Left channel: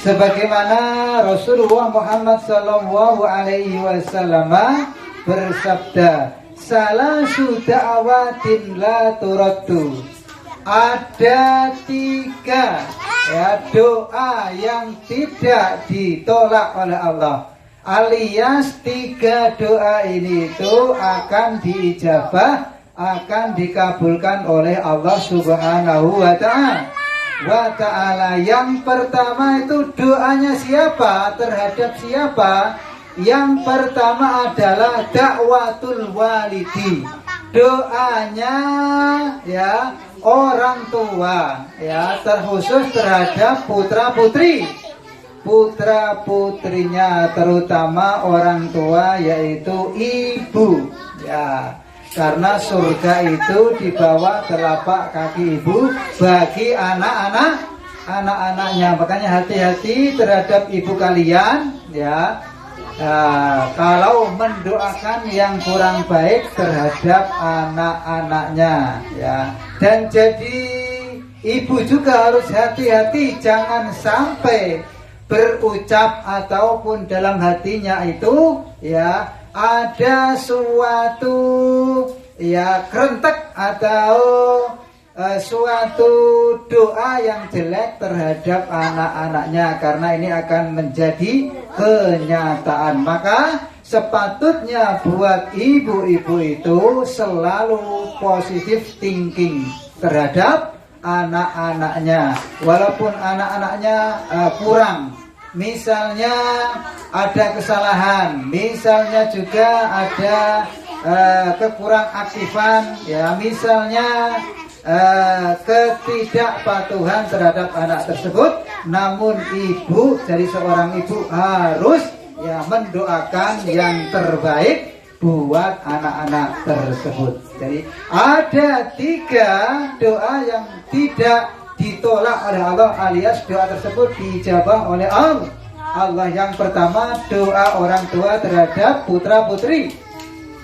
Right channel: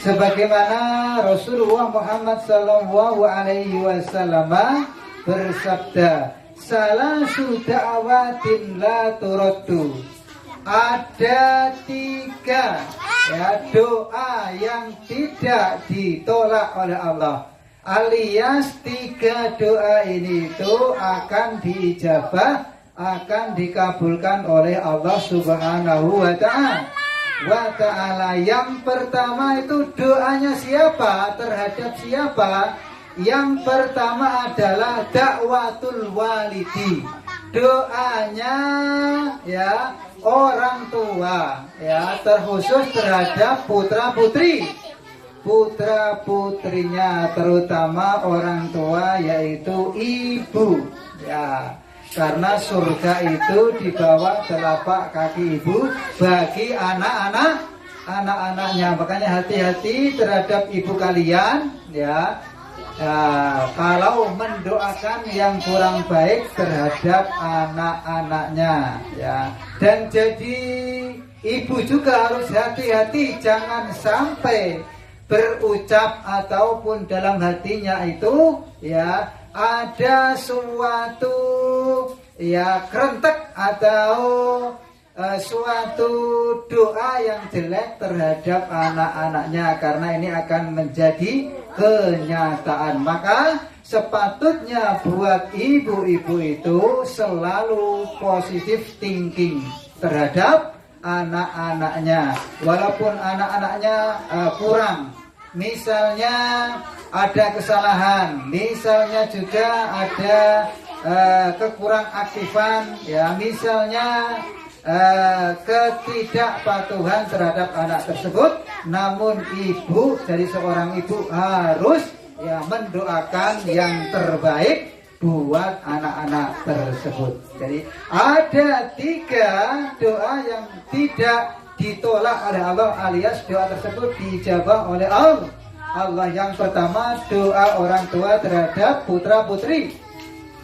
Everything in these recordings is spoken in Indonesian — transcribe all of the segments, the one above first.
Sebagaimana Rasulullah Muhammad sallallahu alaihi wasallam bersabda, salasu da'awatin la turaddu. Ada 3 doa yang tidak ditolak oleh Allah, alias 3 doa ini itu akan diijabah, akan dikabulkan oleh Allah Subhanahu wa ta'ala. Yang pertama itu doanya siapa? Terhadap siapa? Yang pertama adalah dakwatul walidi. Doanya ya orang tua, ya terkhusus terhadap putra-putrinya, terutama orang tua yaitu ibu, ya. Karena surga itu di bawah telapak kaki ibu bagi anak-anaknya. Makanya hati-hati terhadap ibu kalian, ya. Kalau mendoakan yang kurang baik terhadap anak-anaknya, ya. Dan jadi ibu juga harus hati-hati, jangan sampai berucap ataupun dalam hatinya itu ya ada suatu ya kerentek atau suatu doa yang jelek terhadap anak-anaknya, karena ini akan menjadi kenyataan. Maka sepatutnya buat ibu-ibu itu selalu positive thinking terhadap anak-anaknya, walaupun anak-anaknya kurang, misalnya ada kesalahan, misalnya juga ada kekurang aktifan, ya misalnya ketidakpatuhan terhadap anak tersebut, namun ibu dari seorang ibu harus ya mendoakan yang terbaik buat anak-anak tersebut. Jadi ada 3 doa yang tidak ditolak oleh Allah, alias doa tersebut dijabah oleh Allah. Yang pertama doa orang tua terhadap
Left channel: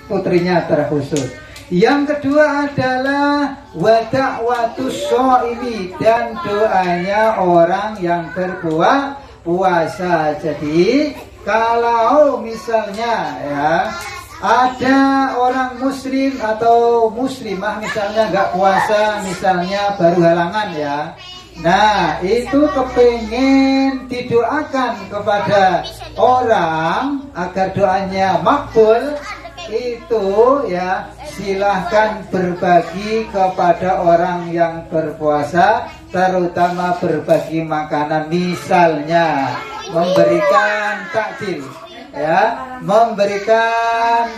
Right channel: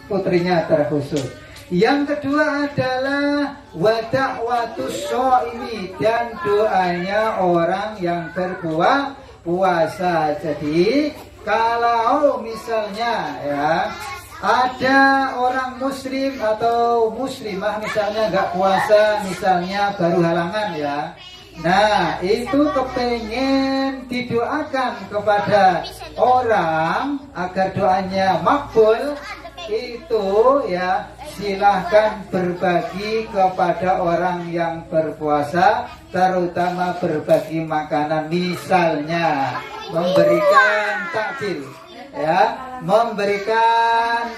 putrinya terkhusus. Yang kedua adalah wada'watus shaimi, dan doanya orang yang berpuasa. Jadi kalau misalnya ya ada orang muslim atau muslimah misalnya nggak puasa, misalnya baru halangan ya, nah itu kepengen didoakan kepada orang agar doanya makbul, itu ya silahkan berbagi kepada orang yang berpuasa, terutama berbagi makanan, misalnya memberikan takjil, ya memberikan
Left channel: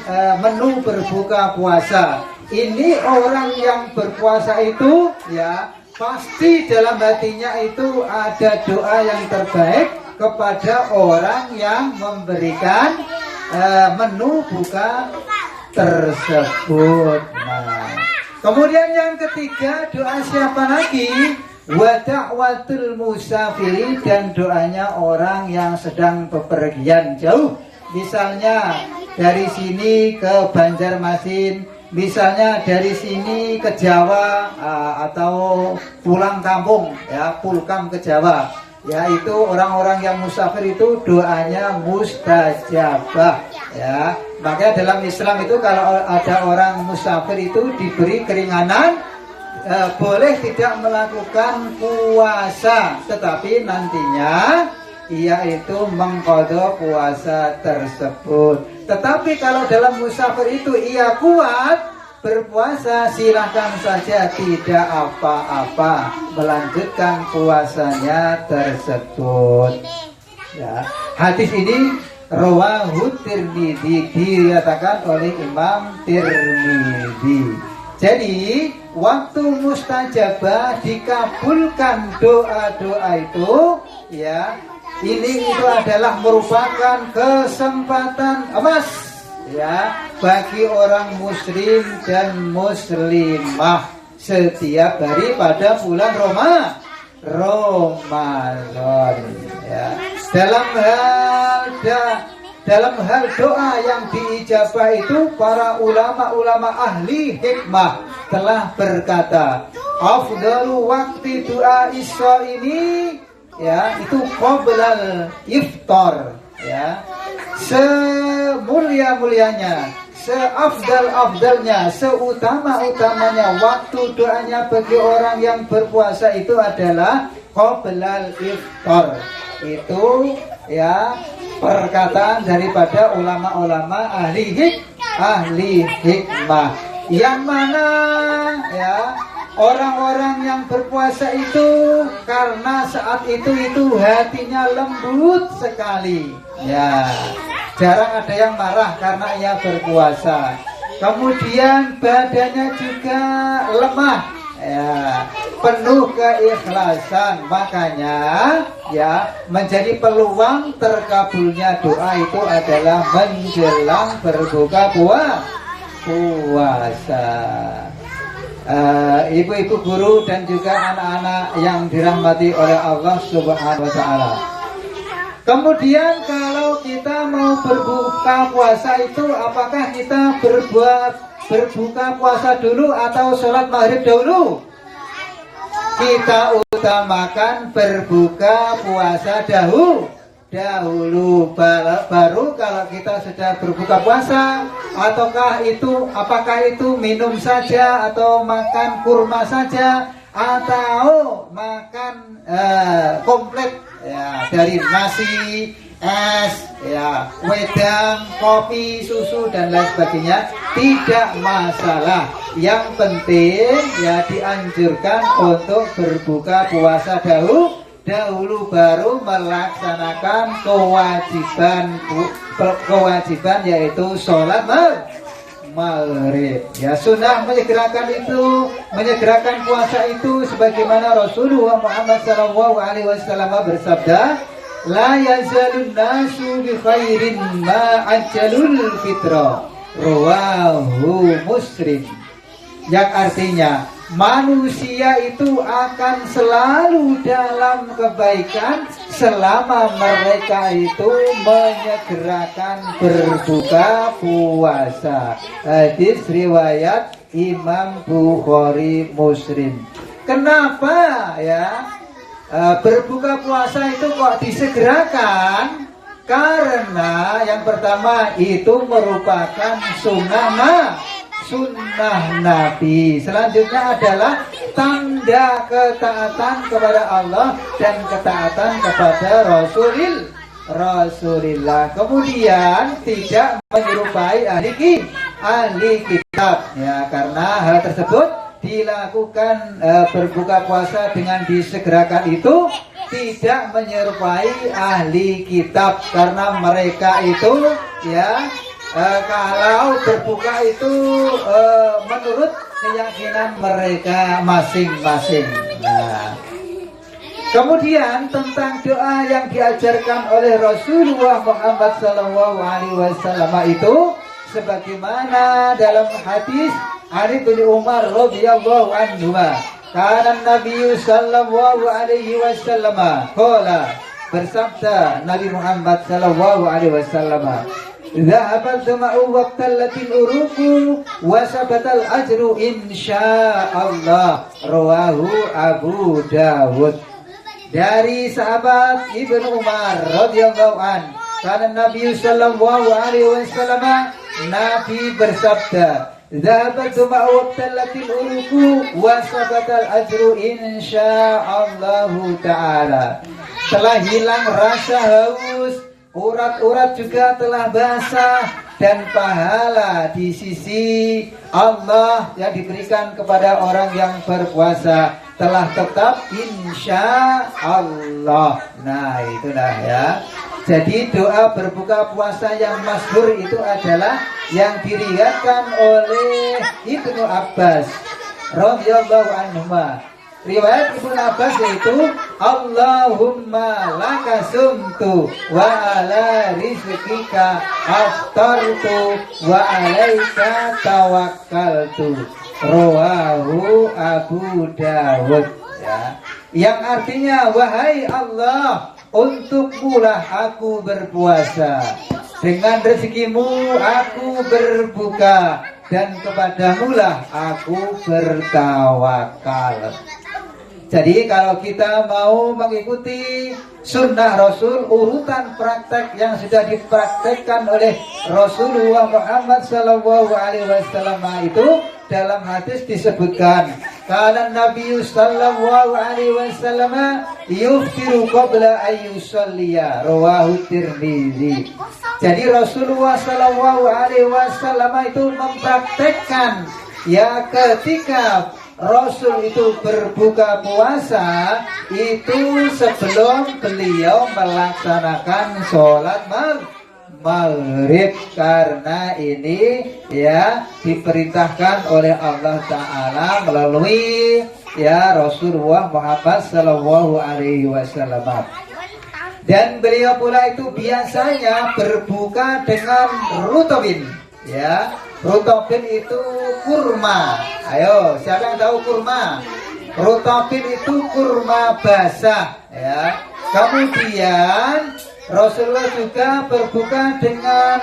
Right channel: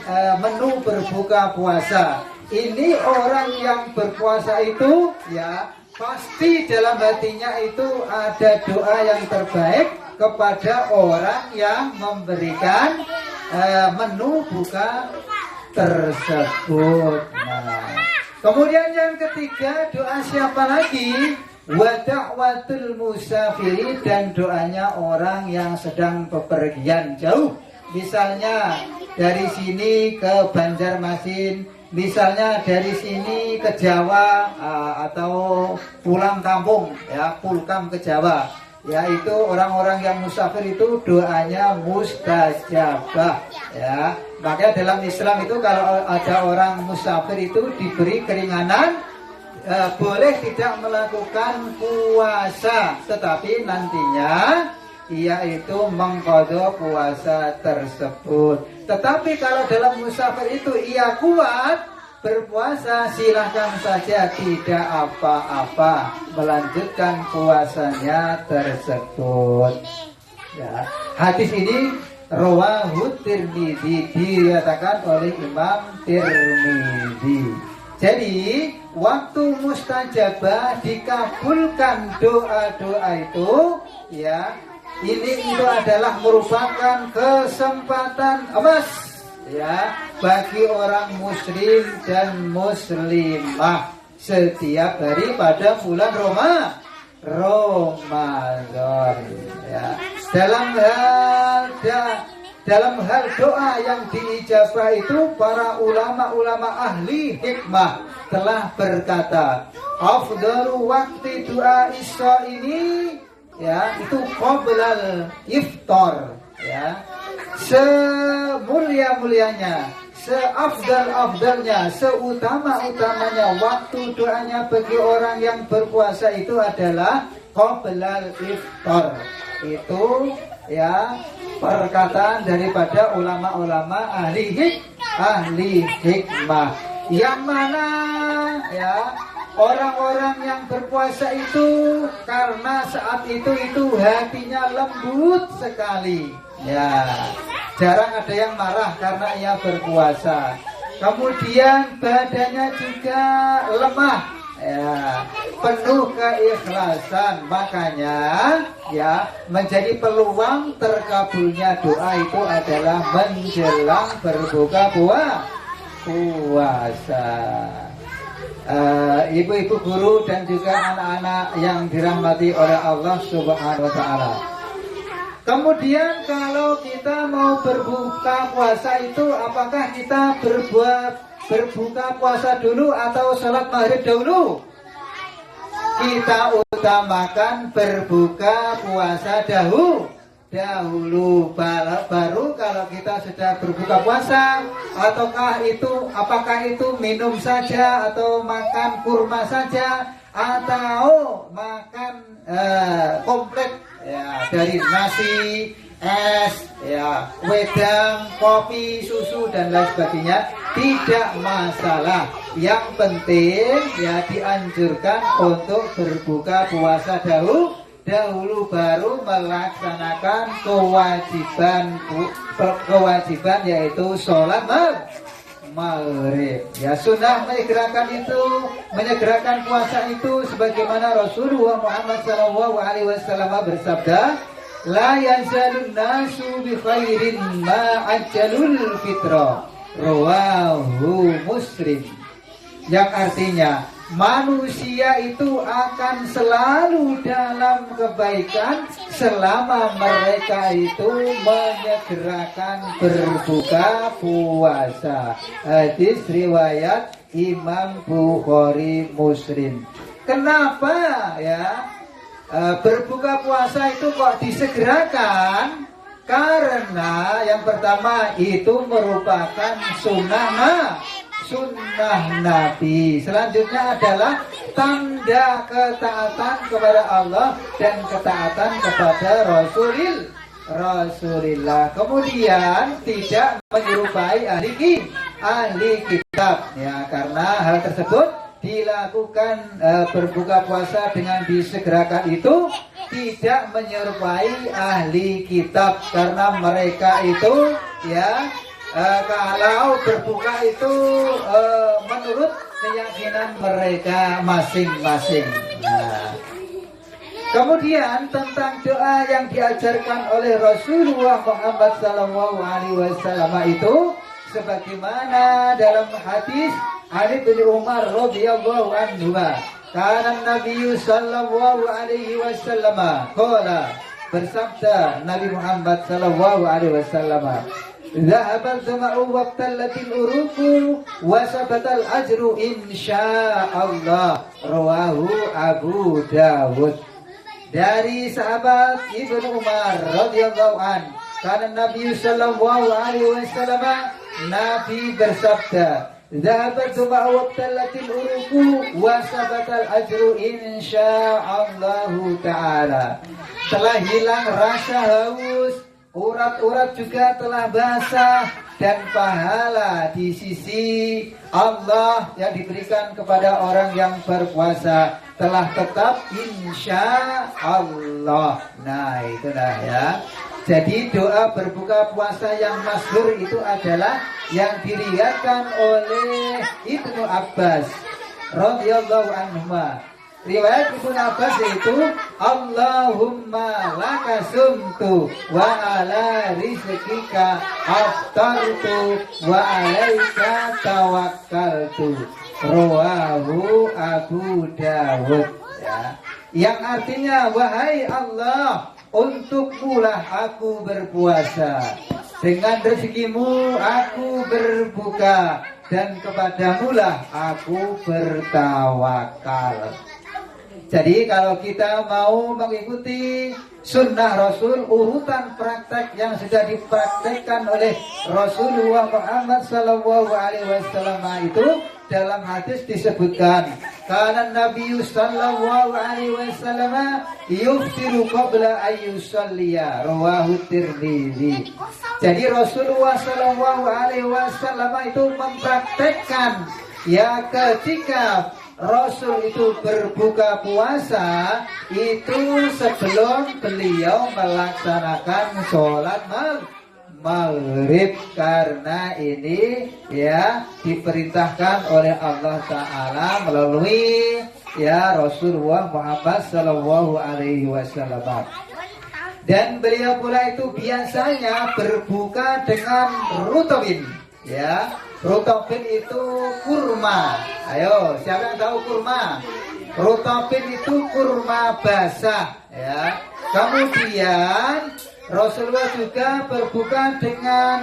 menu berbuka puasa. Ini orang yang berpuasa itu ya pasti dalam hatinya itu ada doa yang terbaik kepada orang yang memberikan menu buka tersebut. Nah, kemudian yang ketiga doa siapa lagi? Wa da'watul musafiri, dan doanya orang yang sedang bepergian jauh, misalnya dari sini ke Banjarmasin, misalnya dari sini ke Jawa, atau pulang kampung ya, pulkam ke Jawa. Yaitu orang-orang yang musafir itu doanya mustajabah ya. Makanya dalam Islam itu kalau ada orang musafir itu diberi keringanan, boleh tidak melakukan puasa, tetapi nantinya ia itu mengqadha puasa tersebut. Tetapi kalau dalam musafir itu ia kuat berpuasa, silahkan saja, tidak apa-apa, melanjutkan puasanya tersebut. Ya. Hadis ini rawahu Tirmidzi, diriwayatkan oleh Imam Tirmidzi. Jadi waktu mustajabah dikabulkan doa-doa itu, ya ini itu adalah merupakan kesempatan emas ya bagi orang muslim dan muslimah setiap hari pada bulan Ramadan ya. Dalam hal doa yang diijabah itu, para ulama-ulama ahli hikmah telah berkata, afdalu waqti doa isya ini ya itu qoblal iftar, ya semulia-mulianya, seafdal-afdalnya, seutama-utamanya waktu doanya bagi orang yang berpuasa itu adalah qoblal iftar. Itu ya perkataan daripada ulama-ulama ahli hikmah, yang mana ya orang-orang yang berpuasa itu karena saat itu hatinya lembut sekali, ya jarang ada yang marah karena ia berpuasa. Kemudian badannya juga lemah, ya penuh keikhlasan, makanya ya menjadi peluang terkabulnya doa itu adalah menjelang berbuka puasa. Ibu-ibu guru dan juga anak-anak yang dirahmati oleh Allah Subhanahu wa taala. Kemudian kalau kita mau berbuka puasa itu, apakah kita berbuka puasa dulu atau sholat maghrib dahulu? Kita utamakan berbuka puasa dahulu, baru kalau kita sudah berbuka puasa, ataukah apakah itu minum saja atau makan kurma saja atau makan komplit, ya dari nasi, es, ya wedang, kopi, susu dan lain sebagainya, tidak masalah. Yang penting ya dianjurkan untuk berbuka puasa dahulu baru melaksanakan kewajiban yaitu sholat maghrib. Ya sunnah menyegerakan puasa itu sebagaimana Rasulullah Muhammad SAW bersabda, la yazalun nasu bi khairin ma ajjalul fitra, rawahu Muslim. Yang artinya manusia itu akan selalu dalam kebaikan selama mereka itu menyegerakan berbuka puasa. Hadis riwayat Imam Bukhari Muslim. Kenapa ya berbuka puasa itu kok disegerakan? Karena yang pertama itu merupakan sunnah Nabi. Selanjutnya adalah tanda ketaatan kepada Allah dan ketaatan kepada Rasulullah. Kemudian tidak menyerupai ahli kitab, ya karena hal tersebut dilakukan berbuka puasa dengan disegerakan itu tidak menyerupai ahli kitab, karena mereka itu ya kalau berbuka itu menurut keyakinan mereka masing-masing. Nah, kemudian tentang doa yang diajarkan oleh Rasulullah Muhammad SAW itu sebagaimana dalam hadis Ali bin Umar radhiyallahu anhu, karena Nabi sallallahu alaihi wasallam qala, bersabda Nabi Muhammad sallallahu alaihi wasallam, zahabal zama'u wabtallatil uruku wasabatal ajru insyaallah, rawahu Abu Dawud. Dari sahabat Ibnu Umar radhiyallahu an, karena Nabi sallallahu alaihi wasallam, Nabi bersabda, zahabal zama'u wabtallatil uruku wasabatal ajru insyaallah taala. Telah hilang rasa haus, urat-urat juga telah basah, dan pahala di sisi Allah yang diberikan kepada orang yang berpuasa telah tetap insya Allah. Nah itulah ya. Jadi doa berbuka puasa yang masyhur itu adalah yang diriwayatkan oleh Ibnu Abbas radhiyallahu anhu. Riwayat Ibnu Abbas itu, Allahumma laka sumtu wa ala rizqika aftartu wa alaika tawakkaltu, rawahu Abu Dawud, ya. Yang artinya, wahai Allah, untukmulah aku berpuasa, dengan rezekimu aku berbuka, dan kepadamulah aku bertawakal. Jadi kalau kita mau mengikuti sunnah Rasul, urutan praktek yang sudah dipraktekkan oleh Rasulullah Muhammad Sallallahu Alaihi Wasallam itu dalam hadis disebutkan, karena Nabi Sallallahu Alaihi Wasallam yuftiru qabla ayyusalliya, rawahu Tirmizi. Jadi Rasulullah Sallallahu Alaihi Wasallam itu mempraktekkan ya ketika Rasul itu berbuka puasa itu sebelum beliau melaksanakan sholat maghrib, karena ini ya diperintahkan oleh Allah Ta'ala melalui ya Rasulullah Muhammad Sallallahu Alaihi Wasallam. Dan beliau pula itu biasanya berbuka dengan rutobin, ya. Rutobin itu kurma. Ayo, siapa yang tahu kurma? Rutobin itu kurma basah, ya. Kemudian Rasulullah juga berbuka dengan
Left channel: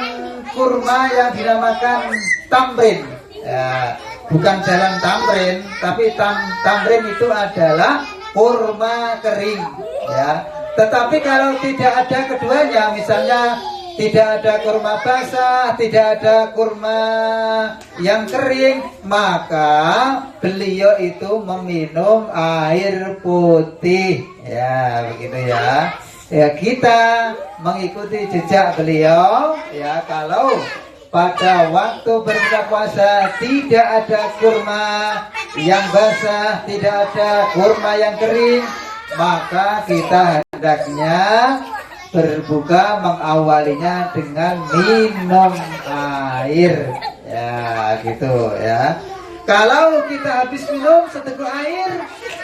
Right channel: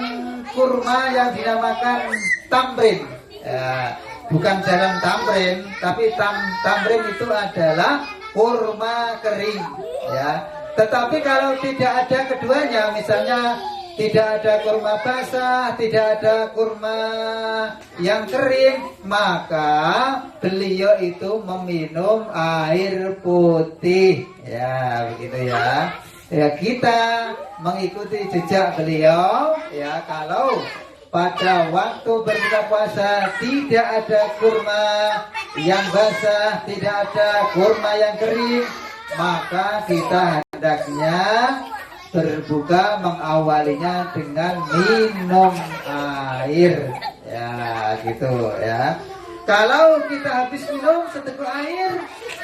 kurma yang dinamakan tamrin, ya. Bukan jalan tamrin, tapi tamrin itu adalah kurma kering, ya. Tetapi kalau tidak ada keduanya, misalnya tidak ada kurma basah, tidak ada kurma yang kering, maka beliau itu meminum air putih. Ya, begitu ya. Ya, kita mengikuti jejak beliau. Ya, kalau pada waktu berbuka puasa tidak ada kurma yang basah, tidak ada kurma yang kering, maka kita hendaknya berbuka mengawalinya dengan minum air, ya gitu ya. Kalau kita habis minum seteguk air,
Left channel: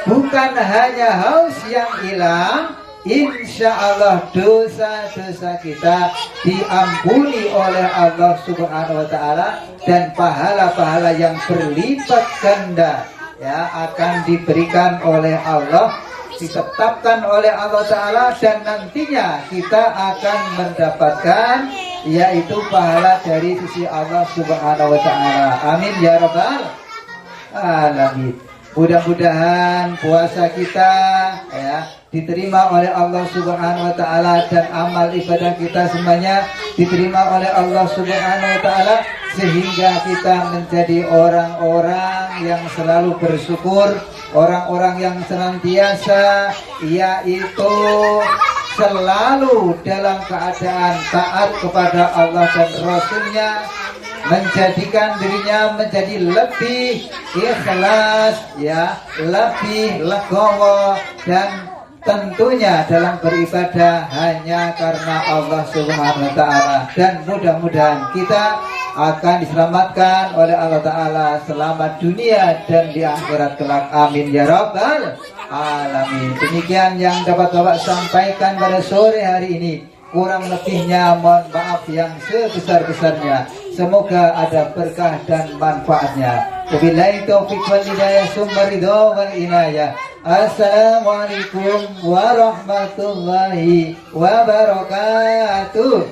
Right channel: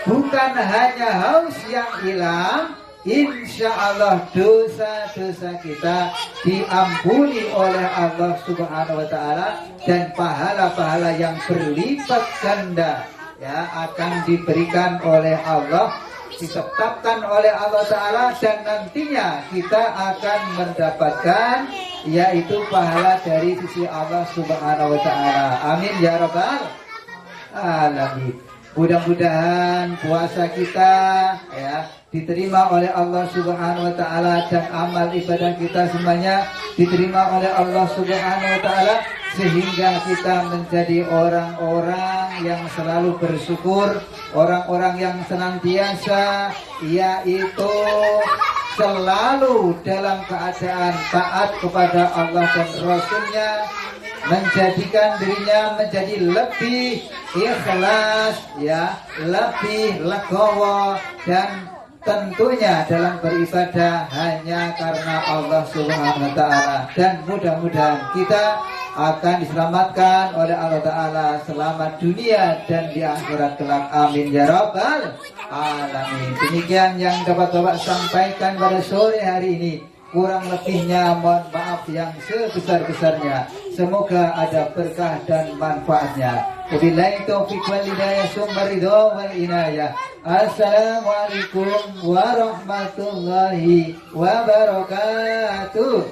bukan hanya haus yang hilang, insya Allah dosa-dosa kita diampuni oleh Allah Subhanahu Wa Taala, dan pahala-pahala yang berlipat ganda ya akan diberikan oleh Allah, ditetapkan oleh Allah Ta'ala, dan nantinya kita akan mendapatkan yaitu pahala dari sisi Allah Subhanahu Wa Ta'ala. Amin ya Rabbal Alamin. Mudah-mudahan puasa kita ya diterima oleh Allah Subhanahu Wa Ta'ala, dan amal ibadah kita semuanya diterima oleh Allah Subhanahu Wa Ta'ala, sehingga kita menjadi orang-orang yang selalu bersyukur, orang-orang yang senantiasa yaitu selalu dalam keadaan taat kepada Allah dan Rasulnya, menjadikan dirinya menjadi lebih ikhlas ya, lebih legowo, dan tentunya dalam beribadah hanya karena Allah Subhanahu Wa Ta'ala. Dan mudah-mudahan kita akan diselamatkan oleh Allah Ta'ala selamat dunia dan di akhirat kelak. Amin ya Rabbal Alamin. Demikian yang dapat Bapak sampaikan pada sore hari ini. Kurang lebihnya mohon maaf yang sebesar-besarnya. Semoga ada berkah dan manfaatnya. Wabillahi taufiq wal hidayah, summa ridho wal inayah. Assalamualaikum warahmatullahi wabarakatuh.